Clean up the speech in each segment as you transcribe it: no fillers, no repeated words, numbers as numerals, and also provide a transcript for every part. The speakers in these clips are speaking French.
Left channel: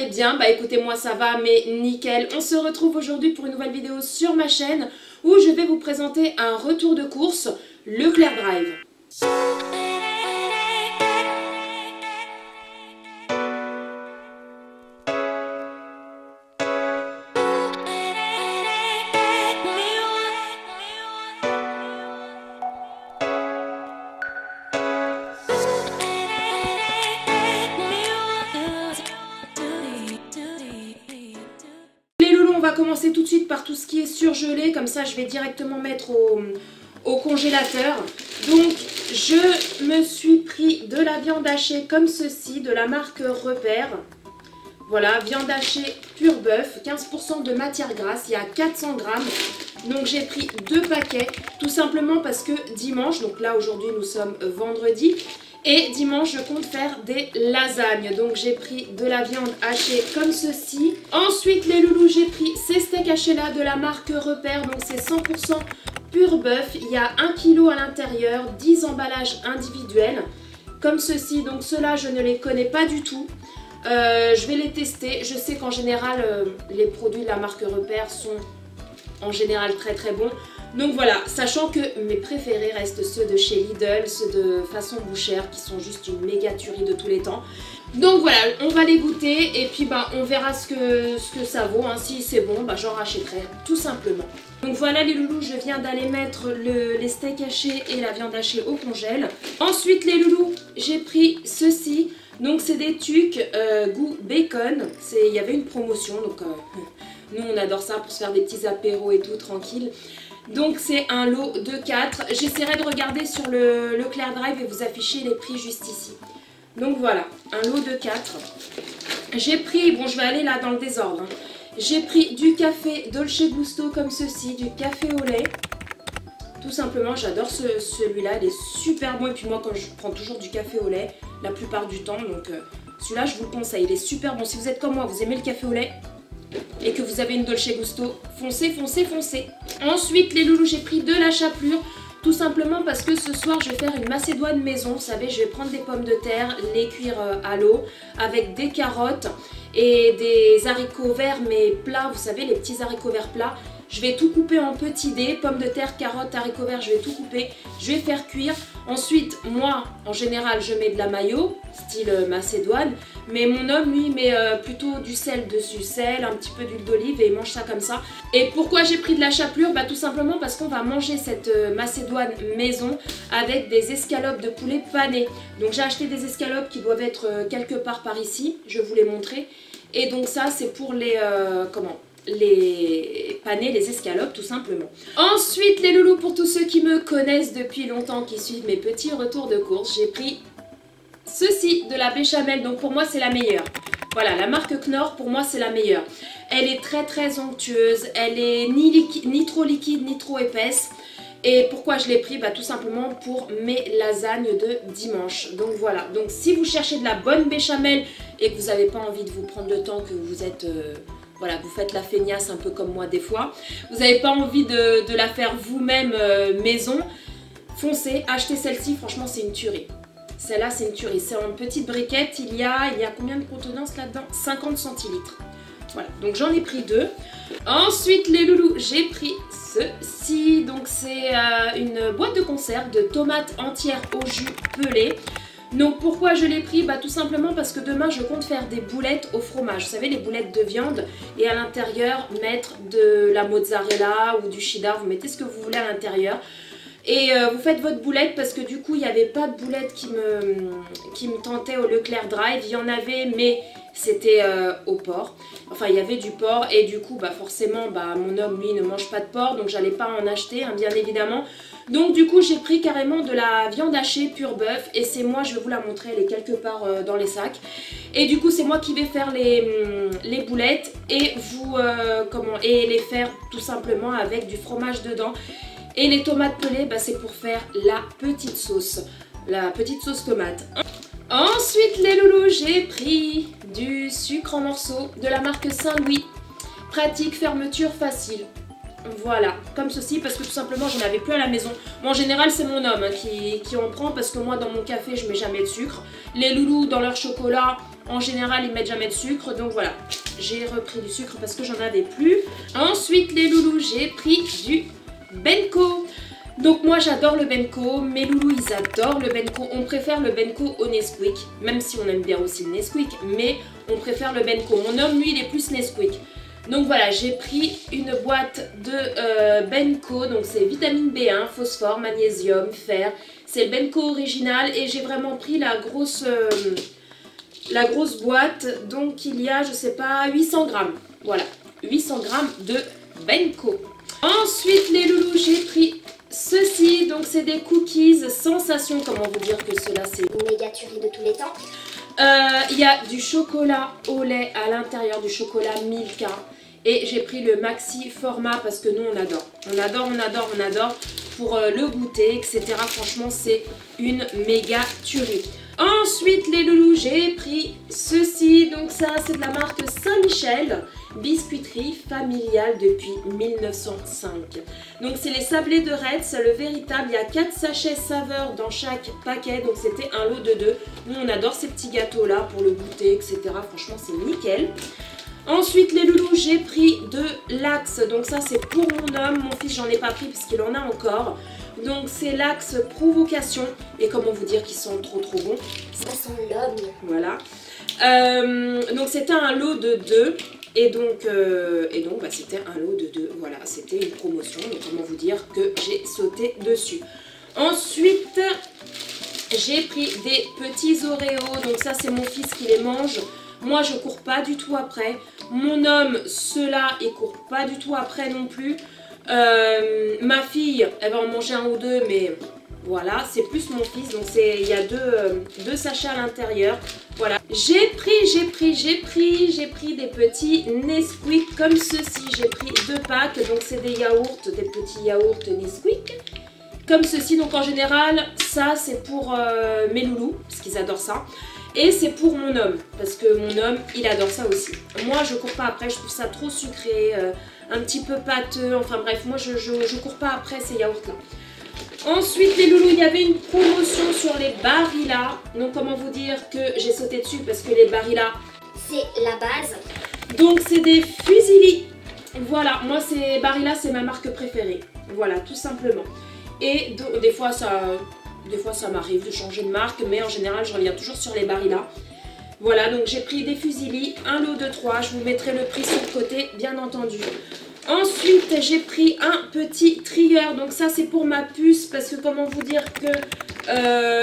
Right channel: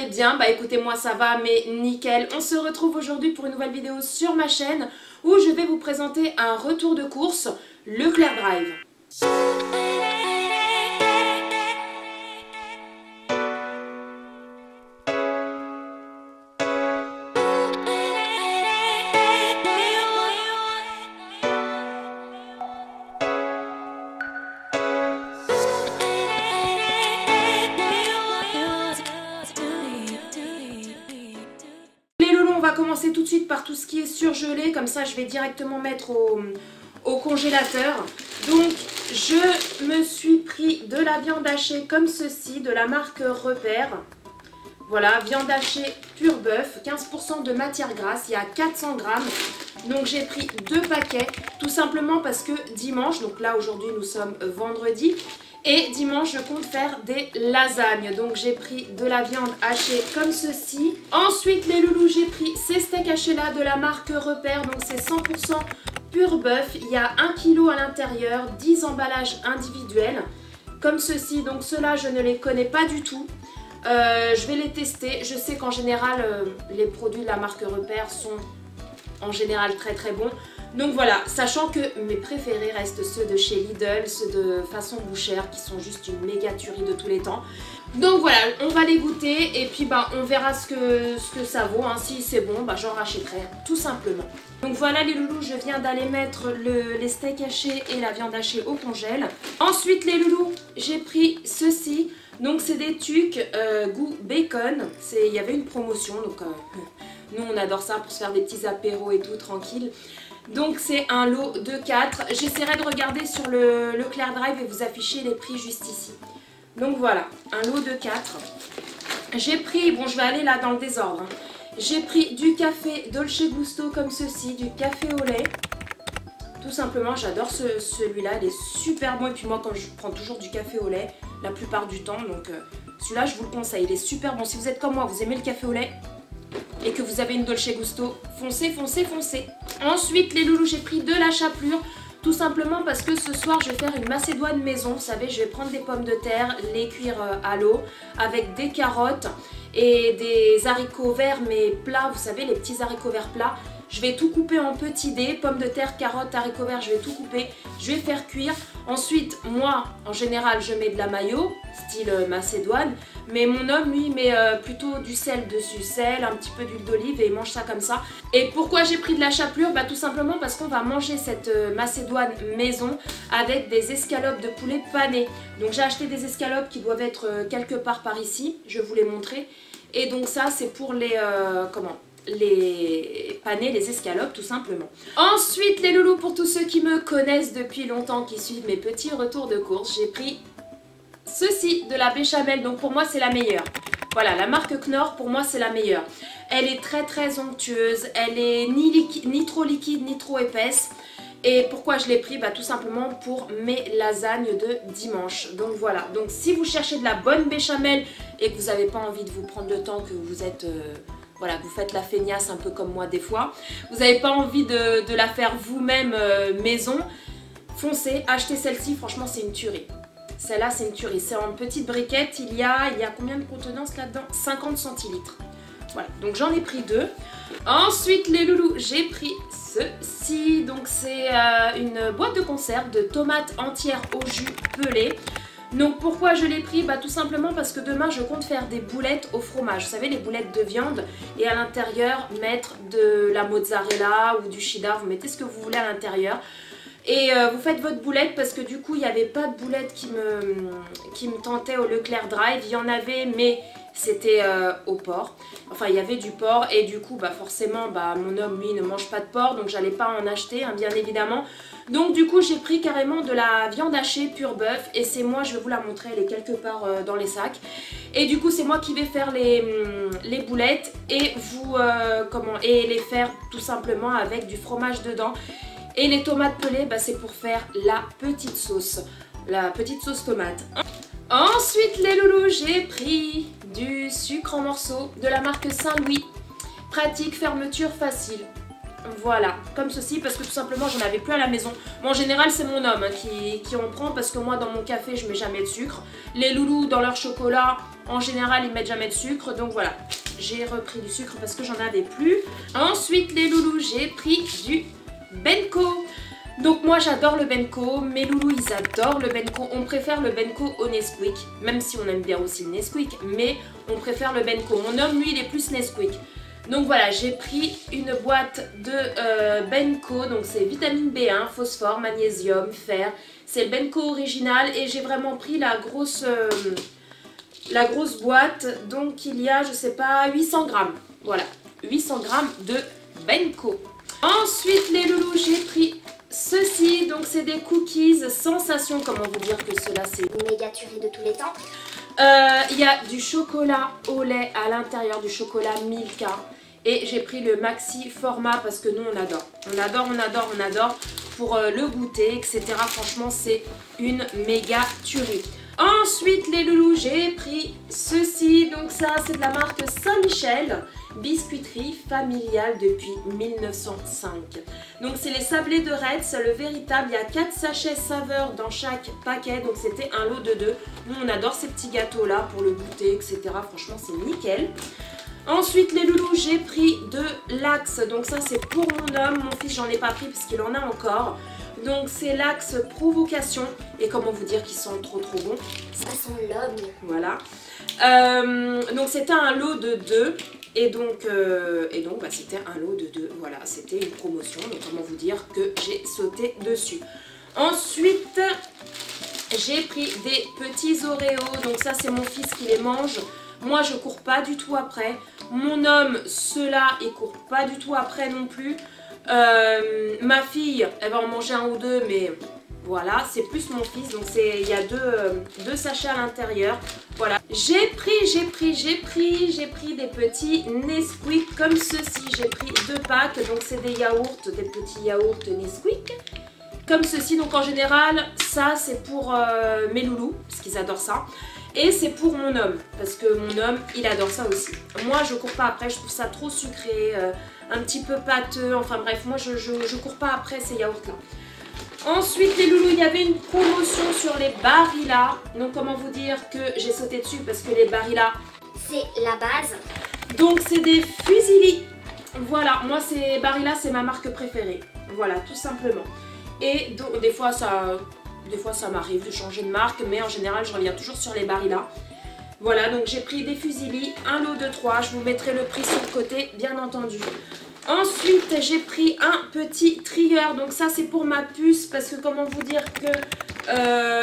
allez bien. Bah écoutez, moi ça va, mais nickel. On se retrouve aujourd'hui pour une nouvelle vidéo sur ma chaîne où je vais vous présenter un retour de course, Leclerc Drive. On va commencer tout de suite par tout ce qui est surgelé, comme ça je vais directement mettre au congélateur. Donc je me suis pris de la viande hachée comme ceci, de la marque Repère. Voilà, viande hachée pur bœuf, 15% de matière grasse, il y a 400 grammes. Donc j'ai pris 2 paquets, tout simplement parce que dimanche, donc là aujourd'hui nous sommes vendredi, et dimanche, je compte faire des lasagnes. Donc, j'ai pris de la viande hachée comme ceci. Ensuite, les loulous, j'ai pris ces steaks hachés là de la marque Repère. Donc, c'est 100% pur bœuf. Il y a 1 kg à l'intérieur, 10 emballages individuels. Comme ceci. Donc, ceux-là, je ne les connais pas du tout. Je vais les tester. Je sais qu'en général, les produits de la marque Repère sont en général très très bons. Donc voilà, sachant que mes préférés restent ceux de chez Lidl, ceux de façon bouchère qui sont juste une méga tuerie de tous les temps. Donc voilà, on va les goûter et puis on verra ce que ça vaut. Hein. Si c'est bon, j'en rachèterai tout simplement. Donc voilà les loulous, je viens d'aller mettre les steaks hachés et la viande hachée au congèle. Ensuite les loulous, j'ai pris ceci. Donc c'est des tucs goût bacon. Il y avait une promotion, donc nous on adore ça pour se faire des petits apéros et tout, tranquille. Donc c'est un lot de 4. J'essaierai de regarder sur le Leclerc Drive et vous afficher les prix juste ici. Donc voilà, un lot de 4. J'ai pris, bon je vais aller là dans le désordre. Hein. J'ai pris du café Dolce Gusto comme ceci, du café au lait. Tout simplement, j'adore celui-là, il est super bon. Et puis moi quand je prends toujours du café au lait, la plupart du temps. Donc celui-là je vous le conseille, il est super bon. Si vous êtes comme moi, vous aimez le café au lait et que vous avez une Dolce Gusto, foncez, foncez, foncez. Ensuite les loulous, j'ai pris de la chapelure, tout simplement parce que ce soir je vais faire une macédoine maison. Vous savez, je vais prendre des pommes de terre, les cuire à l'eau avec des carottes et des haricots verts mais plats, vous savez, les petits haricots verts plats. Je vais tout couper en petits dés, pommes de terre, carottes, haricots verts, je vais tout couper, je vais faire cuire. Ensuite, moi, en général, je mets de la mayo, style macédoine, mais mon homme, lui, met plutôt du sel dessus, sel, un petit peu d'huile d'olive et il mange ça comme ça. Et pourquoi j'ai pris de la chapelure? Tout simplement parce qu'on va manger cette macédoine maison avec des escalopes de poulet panées. Donc j'ai acheté des escalopes qui doivent être quelque part par ici, je vais vous les montrer. Et donc ça, c'est pour les panés, les escalopes tout simplement. Ensuite les loulous, pour tous ceux qui me connaissent depuis longtemps, qui suivent mes petits retours de course, j'ai pris ceci, de la béchamel. Donc pour moi c'est la meilleure. Voilà, la marque Knorr, pour moi c'est la meilleure. Elle est très très onctueuse, elle est ni trop liquide ni trop épaisse. Et pourquoi je l'ai pris? Tout simplement pour mes lasagnes de dimanche. Donc voilà, donc si vous cherchez de la bonne béchamel et que vous n'avez pas envie de vous prendre le temps, que vous êtes... voilà, vous faites la feignasse un peu comme moi des fois. Vous n'avez pas envie de la faire vous-même maison. Foncez, achetez celle-ci, franchement c'est une tuerie. Celle-là c'est une tuerie. C'est en petite briquette, il y a combien de contenance là-dedans? 50 centilitres. Voilà, donc j'en ai pris 2. Ensuite les loulous, j'ai pris ceci. Donc c'est une boîte de conserve de tomates entières au jus pelé. Donc pourquoi je l'ai pris? Tout simplement parce que demain je compte faire des boulettes au fromage. Vous savez, les boulettes de viande, et à l'intérieur mettre de la mozzarella ou du cheddar, vous mettez ce que vous voulez à l'intérieur. Et vous faites votre boulette parce que du coup il n'y avait pas de boulette qui me tentait au Leclerc Drive. Il y en avait mais c'était au porc. Enfin il y avait du porc et du coup forcément mon homme lui ne mange pas de porc, donc j'allais pas en acheter hein, bien évidemment. Donc du coup j'ai pris carrément de la viande hachée pur bœuf et c'est moi, je vais vous la montrer, elle est quelque part dans les sacs. Et du coup c'est moi qui vais faire les boulettes et et les faire tout simplement avec du fromage dedans. Et les tomates pelées, c'est pour faire la petite sauce tomate. Ensuite les loulous, j'ai pris du sucre en morceaux de la marque Saint-Louis. Pratique, fermeture facile. Voilà, comme ceci, parce que tout simplement j'en avais plus à la maison. Bon, en général c'est mon homme qui en prend parce que moi dans mon café je mets jamais de sucre. Les loulous dans leur chocolat, En général, ils mettent jamais de sucre, donc voilà. J'ai repris du sucre parce que j'en avais plus. Ensuite, les loulous, j'ai pris du Benko. Donc moi j'adore le Benko, mes loulous ils adorent le Benko, on préfère le Benko au Nesquik, même si on aime bien aussi le Nesquik, mais on préfère le Benko. Mon homme lui il est plus Nesquik. Donc voilà, j'ai pris une boîte de Benko, donc c'est vitamine B1, phosphore, magnésium, fer. C'est le Benko original et j'ai vraiment pris la grosse boîte, donc il y a je sais pas 800 grammes, voilà, 800 grammes de Benko. Ensuite les loulous j'ai pris ceci, donc c'est des cookies sensation, comment vous dire que cela c'est une méga tuerie de tous les temps. Il y a du chocolat au lait à l'intérieur, du chocolat Milka. Et j'ai pris le maxi format parce que nous on adore. On adore pour le goûter, etc. Franchement c'est une méga tuerie. Ensuite les loulous, j'ai pris ceci, donc ça c'est de la marque Saint-Michel, biscuiterie familiale depuis 1905. Donc c'est les sablés de Retz, le véritable, il y a 4 sachets saveurs dans chaque paquet, donc c'était un lot de 2. Nous on adore ces petits gâteaux là pour le goûter, etc. Franchement c'est nickel. Ensuite les loulous, j'ai pris de l'Axe, donc ça c'est pour mon homme, mon fils j'en ai pas pris parce qu'il en a encore. Donc c'est l'Axe provocation et comment vous dire qu'ils sont trop bons. Ça sent l'homme. Voilà. Donc c'était un lot de 2 et donc bah, c'était un lot de 2. Voilà, c'était une promotion. Donc comment vous dire que j'ai sauté dessus. Ensuite j'ai pris des petits Oreos. Donc ça c'est mon fils qui les mange. Moi je cours pas du tout après. Mon homme, ceux-là, il court pas du tout après non plus. Ma fille, elle va en manger un ou deux, mais voilà, c'est plus mon fils. Donc il y a deux sachets à l'intérieur. Voilà. J'ai pris des petits Nesquik comme ceci. J'ai pris 2 packs. Donc c'est des yaourts, des petits yaourts Nesquik. Comme ceci. Donc en général, ça c'est pour mes loulous, parce qu'ils adorent ça. Et c'est pour mon homme, parce que mon homme, il adore ça aussi. Moi, je cours pas après, je trouve ça trop sucré, un petit peu pâteux. Enfin bref, moi, je cours pas après ces yaourts-là. Ensuite, les loulous, il y avait une promotion sur les Barilla. Donc, comment vous dire que j'ai sauté dessus, parce que les Barilla, c'est la base. Donc, c'est des fusilis. Voilà, moi, Barilla, c'est ma marque préférée. Voilà, tout simplement. Et donc, des fois, ça m'arrive de changer de marque, mais en général, je reviens toujours sur les Barilla. Voilà, donc j'ai pris des fusilis, un lot de 3. Je vous mettrai le prix sur le côté, bien entendu. Ensuite, j'ai pris un petit trigger. Donc ça, c'est pour ma puce, parce que comment vous dire que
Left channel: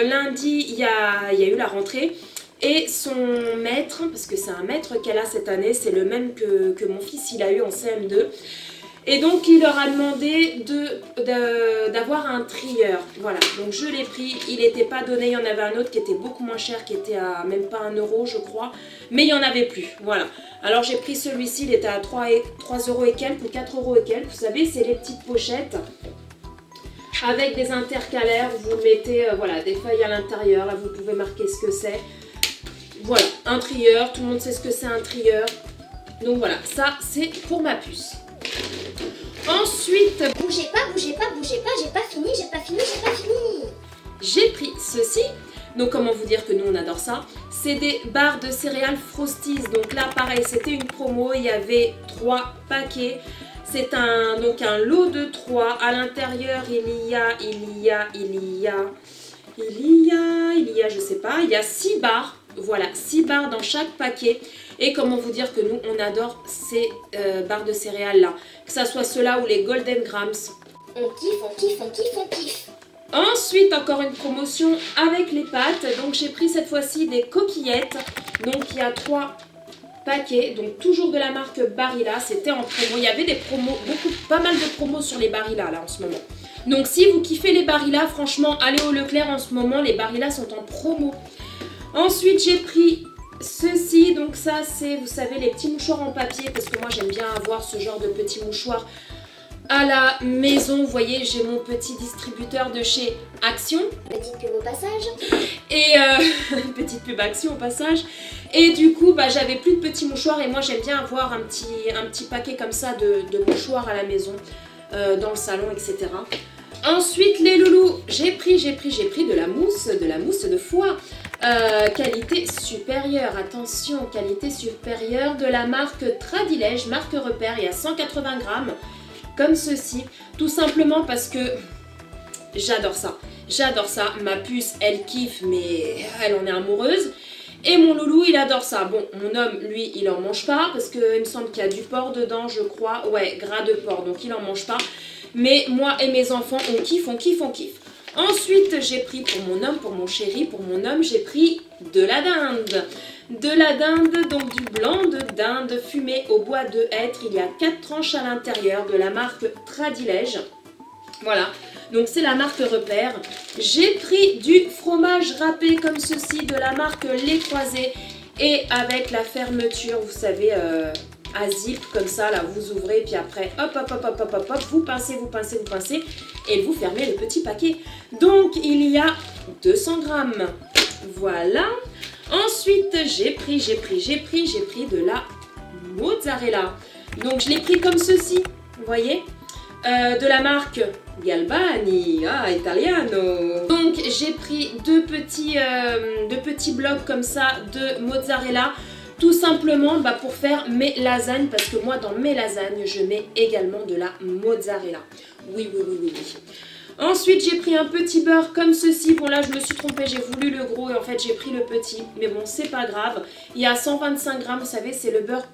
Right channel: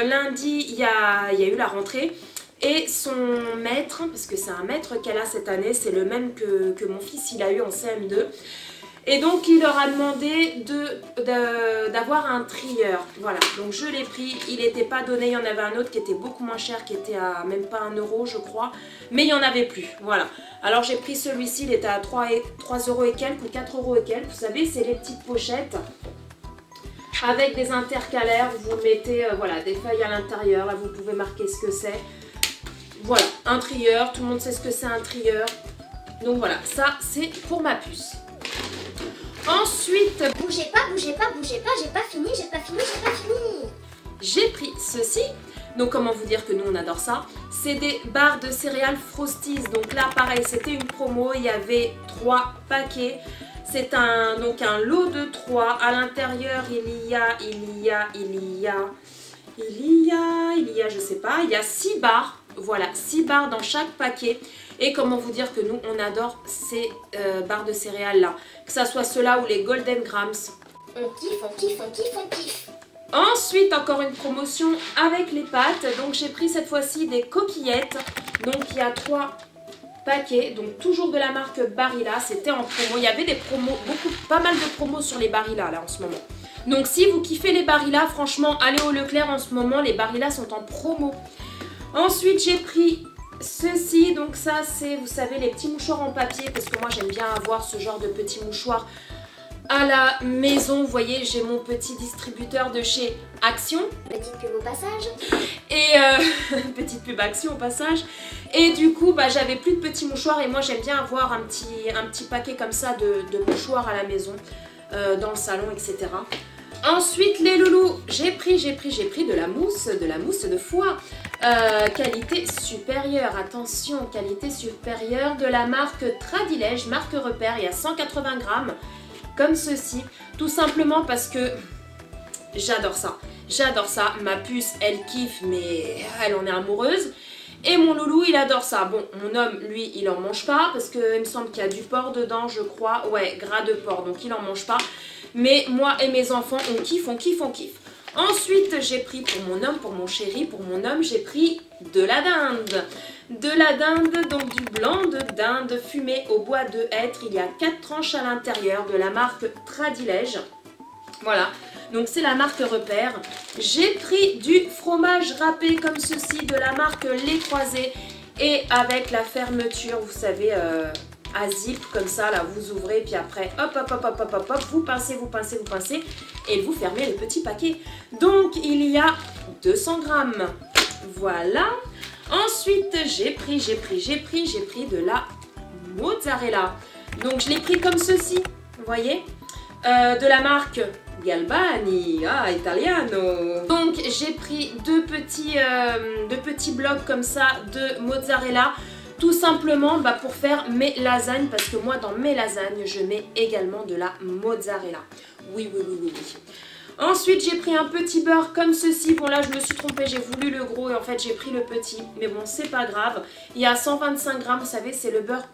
lundi, il y a eu la rentrée. Et son maître, parce que c'est un maître qu'elle a cette année, c'est le même que mon fils, il a eu en CM2. Et donc il leur a demandé d'avoir un trieur. Voilà, donc je l'ai pris, il n'était pas donné, il y en avait un autre qui était beaucoup moins cher, qui était à même pas 1 euro je crois. Mais il n'y en avait plus, voilà. Alors j'ai pris celui-ci, il était à 3 euros et quelques ou 4 euros et quelques. Vous savez, c'est les petites pochettes avec des intercalaires. Vous mettez voilà, des feuilles à l'intérieur, là vous pouvez marquer ce que c'est. Voilà, un trieur, tout le monde sait ce que c'est un trieur. Donc voilà, ça c'est pour ma puce. Ensuite, bougez pas, j'ai pas fini. J'ai pris ceci. Donc comment vous dire que nous on adore ça. C'est des barres de céréales Frosties. Donc là pareil, c'était une promo, il y avait 3 paquets. C'est donc un lot de 3. À l'intérieur il y a, je sais pas, il y a 6 barres. Voilà, 6 barres dans chaque paquet. Et comment vous dire que nous, on adore ces barres de céréales là. Que ça soit ceux-là ou les Golden Grams. On kiffe. Ensuite, encore une promotion avec les pâtes. Donc, j'ai pris cette fois-ci des coquillettes. Donc, il y a 3 paquets. Donc, toujours de la marque Barilla. C'était en promo. Il y avait des promos, pas mal de promos sur les Barilla là en ce moment. Donc, si vous kiffez les Barilla, franchement, allez au Leclerc en ce moment. Les Barilla sont en promo. Ensuite, j'ai pris ceci, donc ça c'est, vous savez, les petits mouchoirs en papier, parce que moi j'aime bien avoir ce genre de petits mouchoirs à la maison. Vous voyez, j'ai mon petit distributeur de chez Action. Petite pub au passage. Et petite pub Action au passage. Et du coup, bah, j'avais plus de petits mouchoirs et moi j'aime bien avoir un petit paquet comme ça de mouchoirs à la maison, dans le salon, etc. Ensuite, les loulous, j'ai pris de la mousse de foie. Qualité supérieure, attention, qualité supérieure de la marque Tradilège, marque repère, il y a 180 grammes, comme ceci, tout simplement parce que j'adore ça. J'adore ça, ma puce elle kiffe mais elle en est amoureuse. Et mon loulou il adore ça. Bon, mon homme lui il en mange pas parce qu'il me semble qu'il y a du porc dedans je crois. Ouais, gras de porc donc il en mange pas. Mais moi et mes enfants on kiffe, on kiffe, on kiffe. Ensuite j'ai pris pour mon homme, pour mon chéri, pour mon homme j'ai pris de la dinde. De la dinde, donc du blanc de dinde fumé au bois de hêtre. Il y a 4 tranches à l'intérieur de la marque Tradilège. Voilà, donc c'est la marque repère. J'ai pris du fromage râpé comme ceci de la marque Les Croisés et avec la fermeture, vous savez, à zip comme ça, là vous ouvrez puis après hop hop hop hop hop hop, hop vous pincez, vous pincez, vous pincez et vous fermez le petit paquet. Donc il y a 200 grammes. Voilà. Ensuite j'ai pris de la mozzarella. Donc je l'ai pris comme ceci, vous voyez, de la marque Galbani, italiano. Donc j'ai pris deux petits blocs comme ça de mozzarella, tout simplement pour faire mes lasagnes, parce que moi dans mes lasagnes je mets également de la mozzarella. Oui. Ensuite j'ai pris un petit beurre comme ceci. Bon là je me suis trompée, j'ai voulu le gros et en fait j'ai pris le petit, mais bon c'est pas grave. Il y a 125 grammes, vous savez c'est le beurre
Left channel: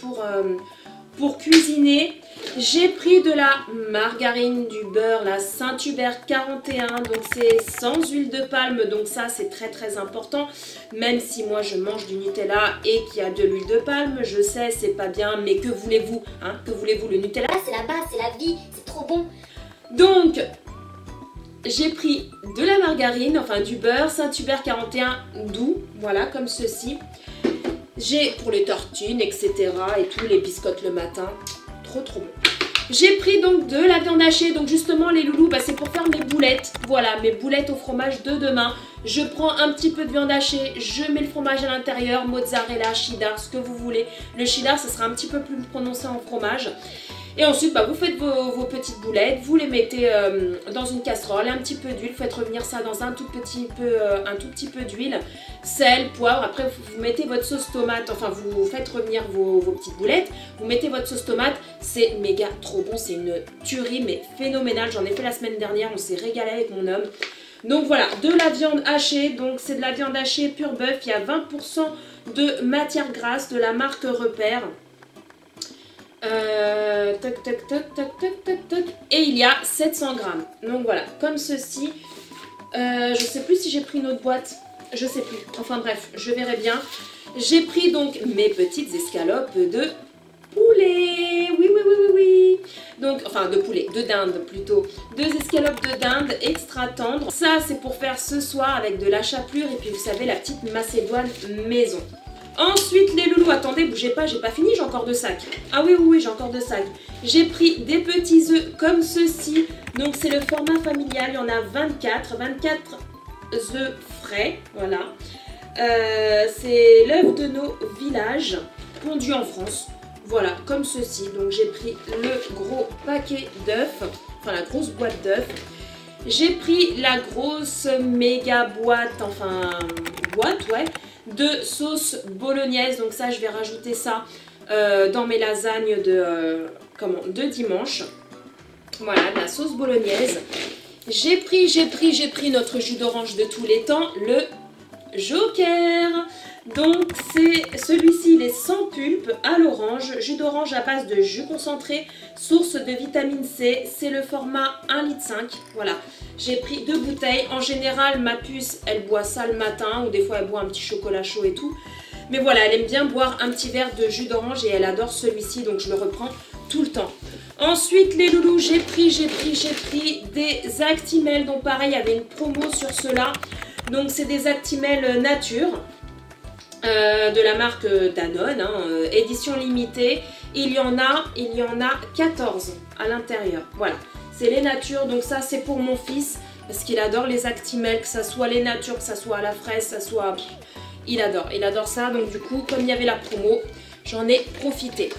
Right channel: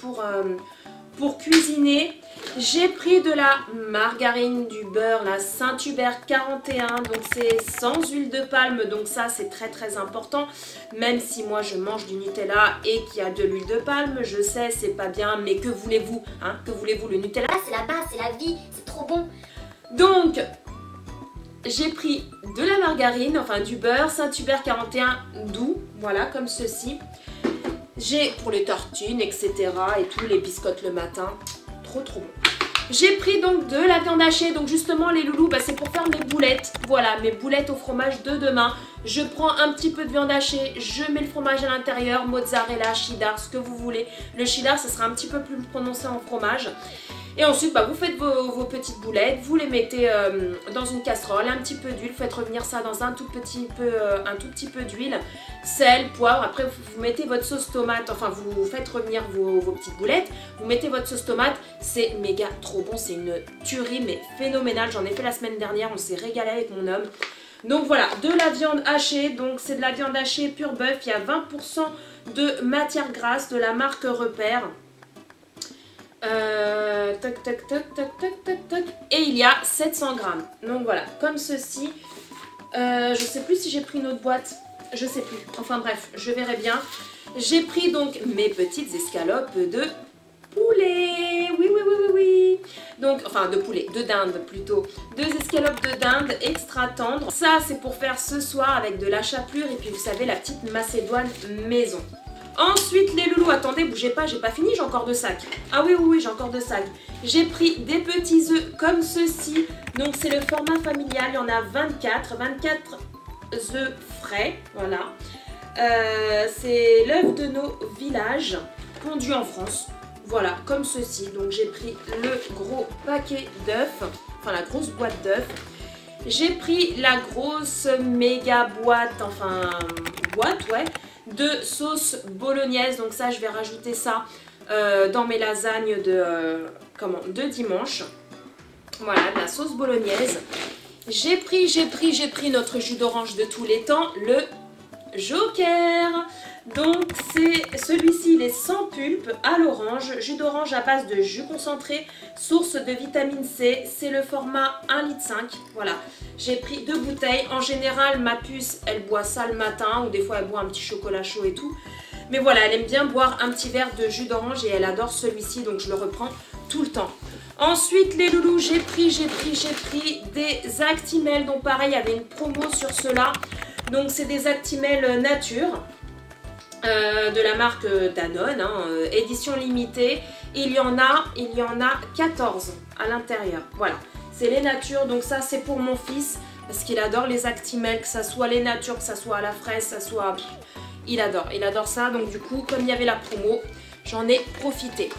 pour cuisiner. J'ai pris de la margarine, du beurre, la Saint-Hubert 41, donc c'est sans huile de palme, donc ça c'est très important, même si moi je mange du Nutella et qu'il y a de l'huile de palme, je sais c'est pas bien, mais que voulez-vous, hein, que voulez-vous, le Nutella c'est la base, c'est la vie, c'est trop bon. Donc j'ai pris de la margarine, enfin du beurre, Saint-Hubert 41 doux, voilà comme ceci. J'ai pour les tartines, etc. et tout, les biscottes le matin, trop bon. J'ai pris donc de la viande hachée, donc justement les loulous, c'est pour faire mes boulettes. Voilà, mes boulettes au fromage de demain. Je prends un petit peu de viande hachée, je mets le fromage à l'intérieur, mozzarella, cheddar, ce que vous voulez. Le cheddar, ça sera un petit peu plus prononcé en fromage. Et ensuite, vous faites vos petites boulettes, vous les mettez dans une casserole, un petit peu d'huile, faites revenir ça dans un tout petit peu d'huile, sel, poivre. Après, vous mettez votre sauce tomate, enfin, vous faites revenir vos petites boulettes, vous mettez votre sauce tomate, c'est méga trop bon, c'est une tuerie, mais phénoménale. J'en ai fait la semaine dernière, on s'est régalé avec mon homme. Donc voilà, de la viande hachée, donc c'est de la viande hachée pure bœuf, il y a 20% de matière grasse de la marque Repère. Et il y a 700 grammes. Donc voilà, comme ceci. Je sais plus si j'ai pris une autre boîte. Je sais plus. Enfin bref, je verrai bien. J'ai pris donc mes petites escalopes de poulet. Oui. Donc, enfin de poulet, de dinde plutôt. 2 escalopes de dinde extra tendres. Ça, c'est pour faire ce soir avec de la chapelure. Et puis vous savez, la petite macédoine maison. Ensuite les loulous, attendez, bougez pas, j'ai pas fini, j'ai encore 2 sacs. Ah oui, j'ai encore 2 sacs. J'ai pris des petits œufs comme ceci. Donc c'est le format familial, il y en a 24 œufs frais, voilà. C'est l'œuf de nos villages, pondu en France. Voilà, comme ceci. Donc j'ai pris le gros paquet d'œufs, enfin la grosse boîte d'œufs. J'ai pris la grosse méga boîte, de sauce bolognaise. Donc ça, je vais rajouter ça dans mes lasagnes de dimanche. Voilà, de la sauce bolognaise. J'ai pris notre jus d'orange de tous les temps, le Joker. Donc c'est celui-ci, il est sans pulpe, à l'orange, jus d'orange à base de jus concentré, source de vitamine C, c'est le format 1,5 litre. Voilà, j'ai pris 2 bouteilles. En général, ma puce, elle boit ça le matin ou des fois elle boit un petit chocolat chaud et tout. Mais voilà, elle aime bien boire un petit verre de jus d'orange et elle adore celui-ci, donc je le reprends tout le temps. Ensuite les loulous, j'ai pris des Actimel, donc pareil, il y avait une promo sur ceux-là. Donc c'est des Actimel nature. De la marque Danone, édition limitée. Il y en a 14 à l'intérieur. Voilà, c'est les natures. Donc ça, c'est pour mon fils parce qu'il adore les Actimel, que ça soit les natures, que ça soit à la fraise, ça soit... Il adore ça. Donc du coup, comme il y avait la promo, j'en ai profité.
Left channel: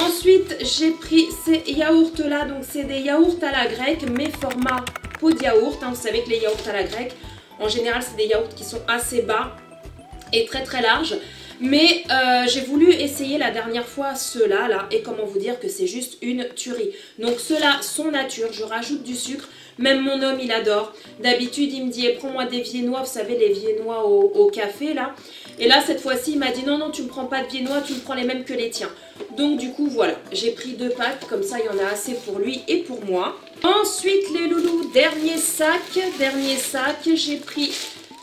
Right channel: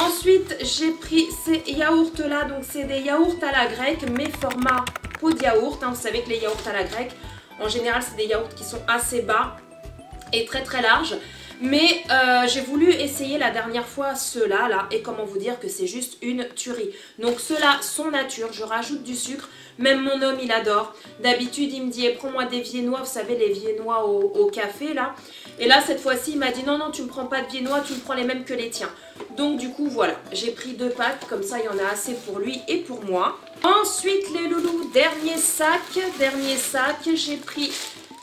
Ensuite, j'ai pris ces yaourts là. Donc c'est des yaourts à la grecque, mais format pot de yaourt. Vous savez que les yaourts à la grecque, en général, c'est des yaourts qui sont assez bas. et très très large. Mais j'ai voulu essayer la dernière fois ceux-là, là, et comment vous dire que c'est juste une tuerie. Donc ceux-là sont nature, je rajoute du sucre, même mon homme il adore. D'habitude il me dit, prends-moi des viennois, vous savez les viennois au café là. Et là cette fois-ci il m'a dit, non non tu me prends pas de viennois, tu me prends les mêmes que les tiens. Donc du coup voilà, j'ai pris 2 packs, comme ça il y en a assez pour lui et pour moi. Ensuite les loulous, dernier sac, j'ai pris...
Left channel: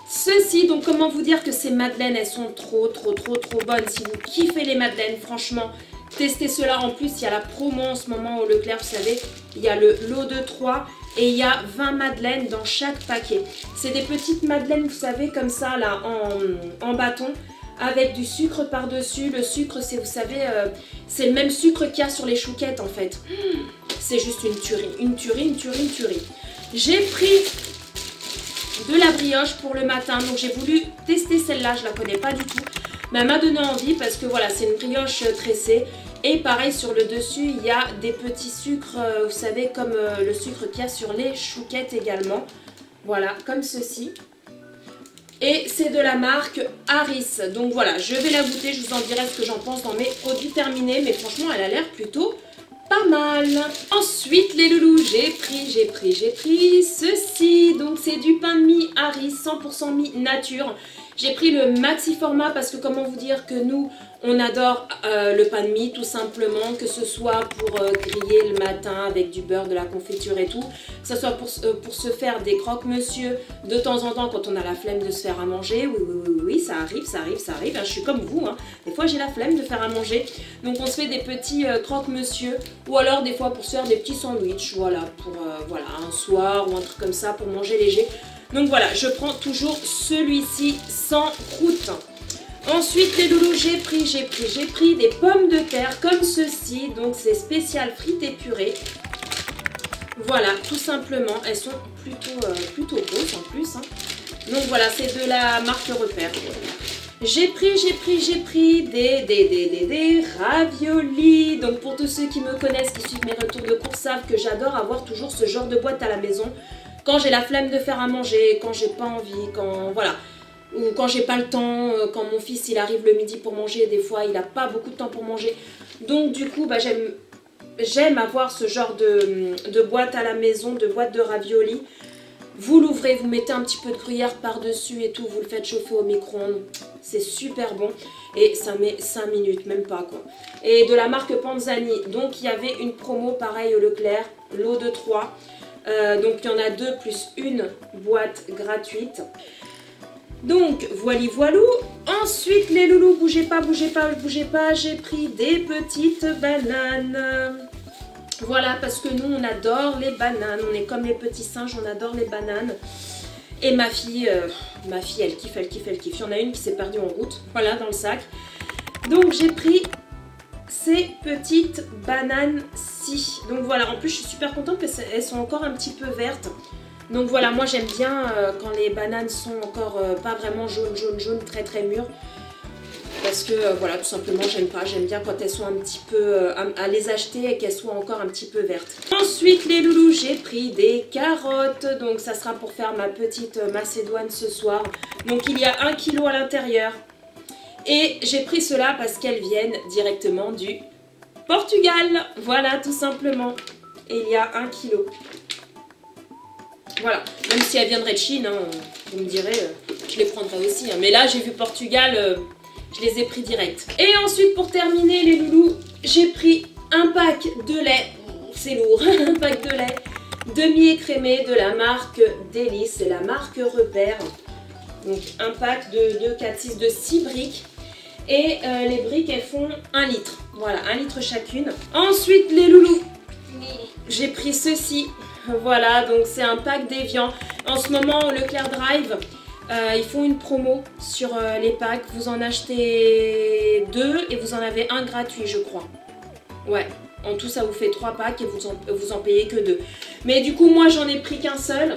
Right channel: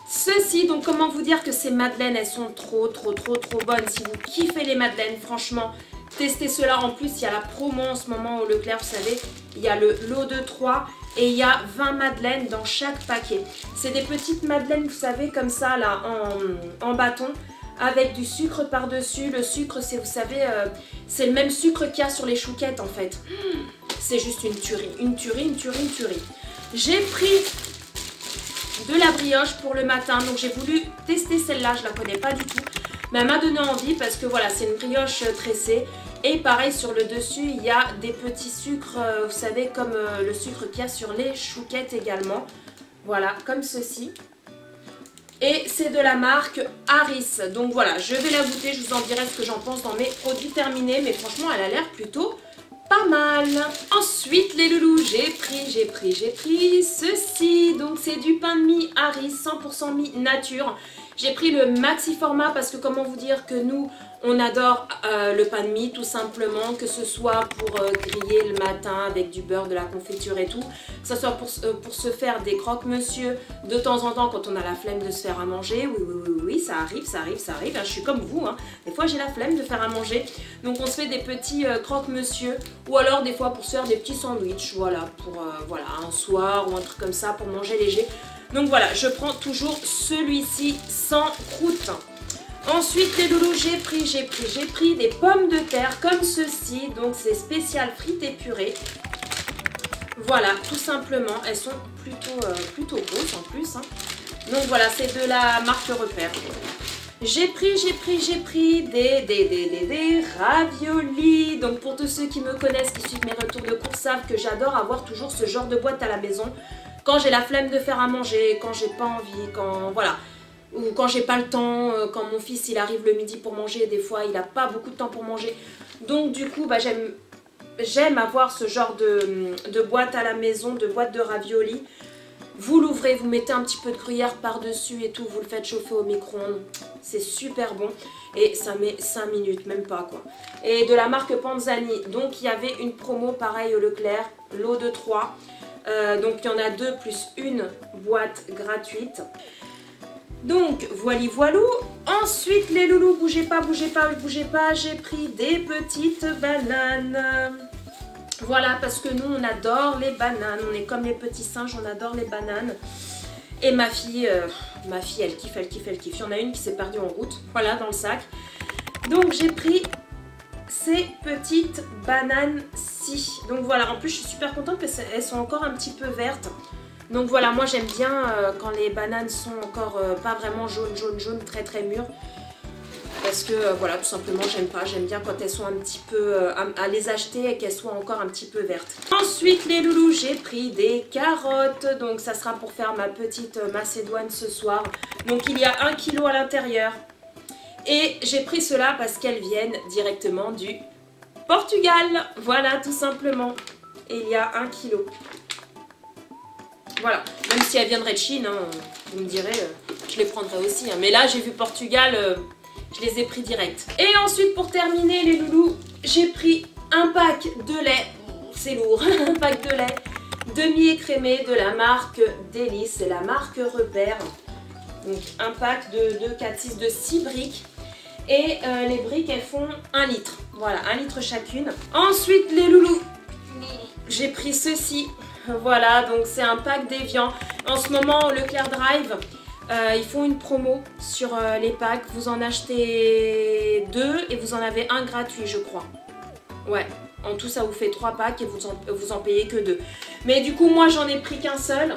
Ceci, donc comment vous dire que ces madeleines, elles sont trop bonnes. Si vous kiffez les madeleines, franchement, testez cela. En plus, il y a la promo en ce moment au Leclerc, vous savez, il y a le lot de 3 et il y a 20 madeleines dans chaque paquet. C'est des petites madeleines, vous savez, comme ça, là, en bâton, avec du sucre par-dessus. Le sucre, c'est, vous savez, c'est le même sucre qu'il y a sur les chouquettes, en fait. C'est juste une tuerie. J'ai pris... de la brioche pour le matin, donc j'ai voulu tester celle-là, je la connais pas du tout, mais elle m'a donné envie parce que voilà, c'est une brioche tressée et pareil sur le dessus il y a des petits sucres, vous savez comme le sucre qu'il y a sur les chouquettes également, voilà comme ceci, et c'est de la marque Harris, donc voilà je vais la goûter, je vous en dirai ce que j'en pense dans mes produits terminés, mais franchement elle a l'air plutôt pas mal. Ensuite les loulous, j'ai pris ceci, donc c'est du pain de mie Harris 100% mie nature. J'ai pris le maxi format parce que comment vous dire que nous on adore le pain de mie tout simplement, que ce soit pour griller le matin avec du beurre, de la confiture et tout, que ce soit pour se faire des croque-monsieur de temps en temps quand on a la flemme de se faire à manger. Oui, ça arrive, hein, je suis comme vous, hein. Des fois j'ai la flemme de faire à manger, donc on se fait des petits croque-monsieur, ou alors des fois pour se faire des petits sandwichs, voilà, pour voilà, un soir ou un truc comme ça pour manger léger. Donc voilà, je prends toujours celui-ci sans croûte. Ensuite les loulous, j'ai pris des pommes de terre comme ceci, donc c'est spécial frites et purées. Voilà, tout simplement, elles sont plutôt grosses en plus, hein. Donc voilà, c'est de la marque Repère. J'ai pris des raviolis. Donc pour tous ceux qui me connaissent, qui suivent mes retours de course, savent que j'adore avoir toujours ce genre de boîte à la maison. Quand j'ai la flemme de faire à manger, quand j'ai pas envie, quand voilà, ou quand j'ai pas le temps, quand mon fils il arrive le midi pour manger, des fois il a pas beaucoup de temps pour manger. Donc du coup bah, j'aime avoir ce genre de boîte à la maison, de boîte de raviolis. Vous l'ouvrez, vous mettez un petit peu de gruyère par-dessus et tout, vous le faites chauffer au micro-ondes. C'est super bon et ça met 5 minutes, même pas quoi. Et de la marque Panzani, donc il y avait une promo pareil au Leclerc, lot de 3. Donc il y en a 2 plus une boîte gratuite. Donc voilou. Ensuite les loulous, bougez pas, j'ai pris des petites bananes. Voilà, parce que nous on adore les bananes, on est comme les petits singes, on adore les bananes. Et ma fille elle kiffe. Il y en a une qui s'est perdue en route, voilà, dans le sac. Donc j'ai pris ces petites bananes-ci. Donc voilà, en plus je suis super contente parce qu'elles sont encore un petit peu vertes. Donc voilà, moi j'aime bien quand les bananes sont encore pas vraiment jaune, très mûres. Parce que voilà, tout simplement j'aime pas, j'aime bien quand elles sont un petit peu à les acheter et qu'elles soient encore un petit peu vertes. Ensuite les loulous, j'ai pris des carottes, donc ça sera pour faire ma petite macédoine ce soir. Donc il y a 1 kg à l'intérieur. Et j'ai pris cela parce qu'elles viennent directement du Portugal, voilà tout simplement. Et il y a 1 kg. Voilà, même si elles viendraient de Chine, hein, vous me direz, je les prendrais aussi. Hein. Mais là j'ai vu Portugal... je les ai pris direct. Et ensuite pour terminer les loulous, j'ai pris un pack de lait, c'est lourd, un pack de lait demi-écrémé de la marque Délice, c'est la marque Repère. Donc un pack de 4-6 de 6 briques. Et les briques elles font 1 litre, voilà 1 litre chacune. Ensuite les loulous, j'ai pris ceci, voilà donc c'est un pack d'Evian. En ce moment au Leclerc Drive, ils font une promo sur les packs, vous en achetez 2 et vous en avez un gratuit je crois. Ouais, en tout ça vous fait 3 packs et vous en payez que 2. Mais du coup moi j'en ai pris qu'un seul,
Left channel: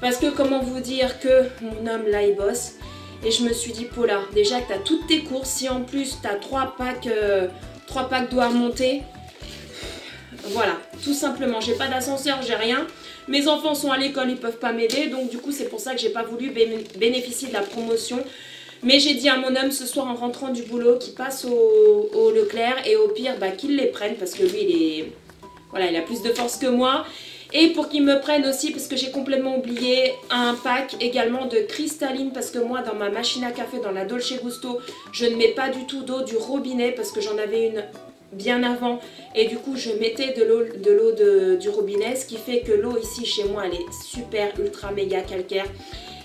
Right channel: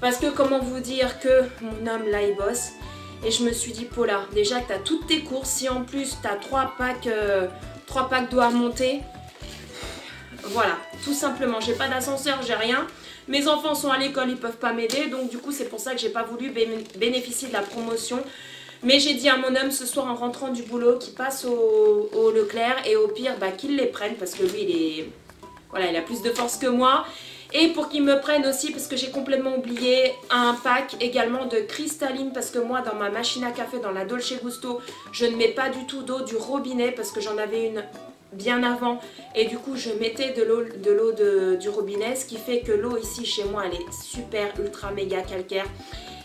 parce que comment vous dire que mon homme là il bosse. Et je me suis dit Paula, déjà que tu as toutes tes courses, si en plus tu as 3 packs d'eau à monter, voilà, tout simplement, j'ai pas d'ascenseur, j'ai rien. Mes enfants sont à l'école, ils peuvent pas m'aider, donc du coup c'est pour ça que j'ai pas voulu bénéficier de la promotion. Mais j'ai dit à mon homme ce soir en rentrant du boulot qu'il passe au Leclerc et au pire qu'il les prenne parce que lui il a plus de force que moi. Et pour qu'il me prenne aussi, parce que j'ai complètement oublié, un pack également de cristalline. Parce que moi, dans ma machine à café, dans la Dolce Gusto, je ne mets pas du tout d'eau du robinet. Parce que j'en avais une bien avant. Et du coup, je mettais de l'eau du robinet. Ce qui fait que l'eau ici, chez moi, elle est super, ultra, méga calcaire.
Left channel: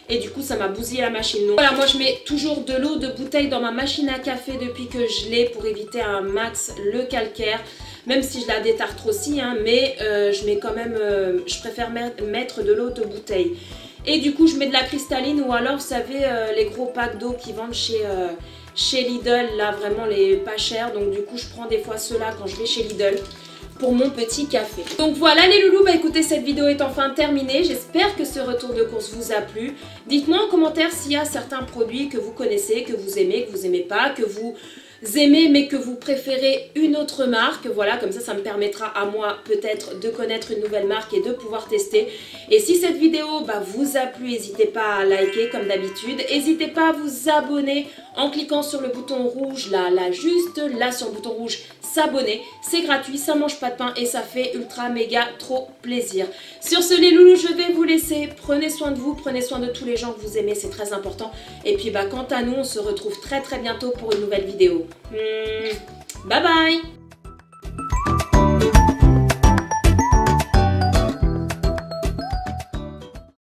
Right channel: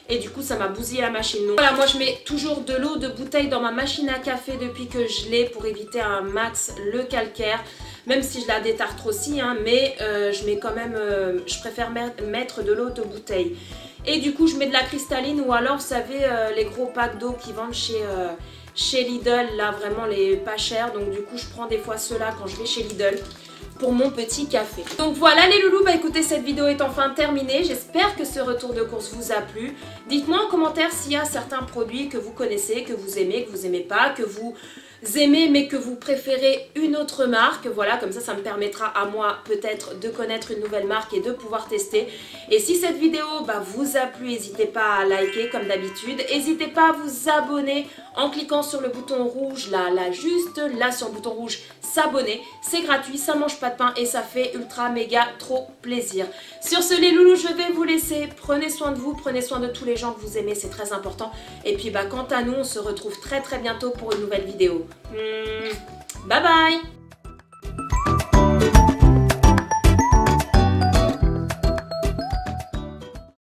Et du coup, ça m'a bousillé la machine. Donc voilà, moi, je mets toujours de l'eau de bouteille dans ma machine à café depuis que je l'ai pour éviter un max le calcaire. Même si je la détarte aussi, hein, mais je mets quand même, je préfère mettre de l'eau de bouteille. Et du coup, je mets de la cristalline ou alors, vous savez, les gros packs d'eau qui vendent chez Lidl, là, vraiment les pas chers. Donc du coup, je prends des fois ceux-là quand je vais chez Lidl pour mon petit café. Donc voilà les loulous, écoutez, cette vidéo est enfin terminée. J'espère que ce retour de course vous a plu. Dites-moi en commentaire s'il y a certains produits que vous connaissez, que vous aimez pas, que vous aimez mais que vous préférez une autre marque. Voilà, comme ça me permettra à moi peut-être de connaître une nouvelle marque et de pouvoir tester. Et si cette vidéo vous a plu, n'hésitez pas à liker comme d'habitude. N'hésitez pas à vous abonner en cliquant sur le bouton rouge là, juste là sur le bouton rouge s'abonner. C'est gratuit, ça mange pas de pain et ça fait ultra méga trop plaisir. Sur ce les loulous, je vais vous laisser. Prenez soin de vous, prenez soin de tous les gens que vous aimez, c'est très important. Et puis quant à nous, on se retrouve très bientôt pour une nouvelle vidéo. Bye bye.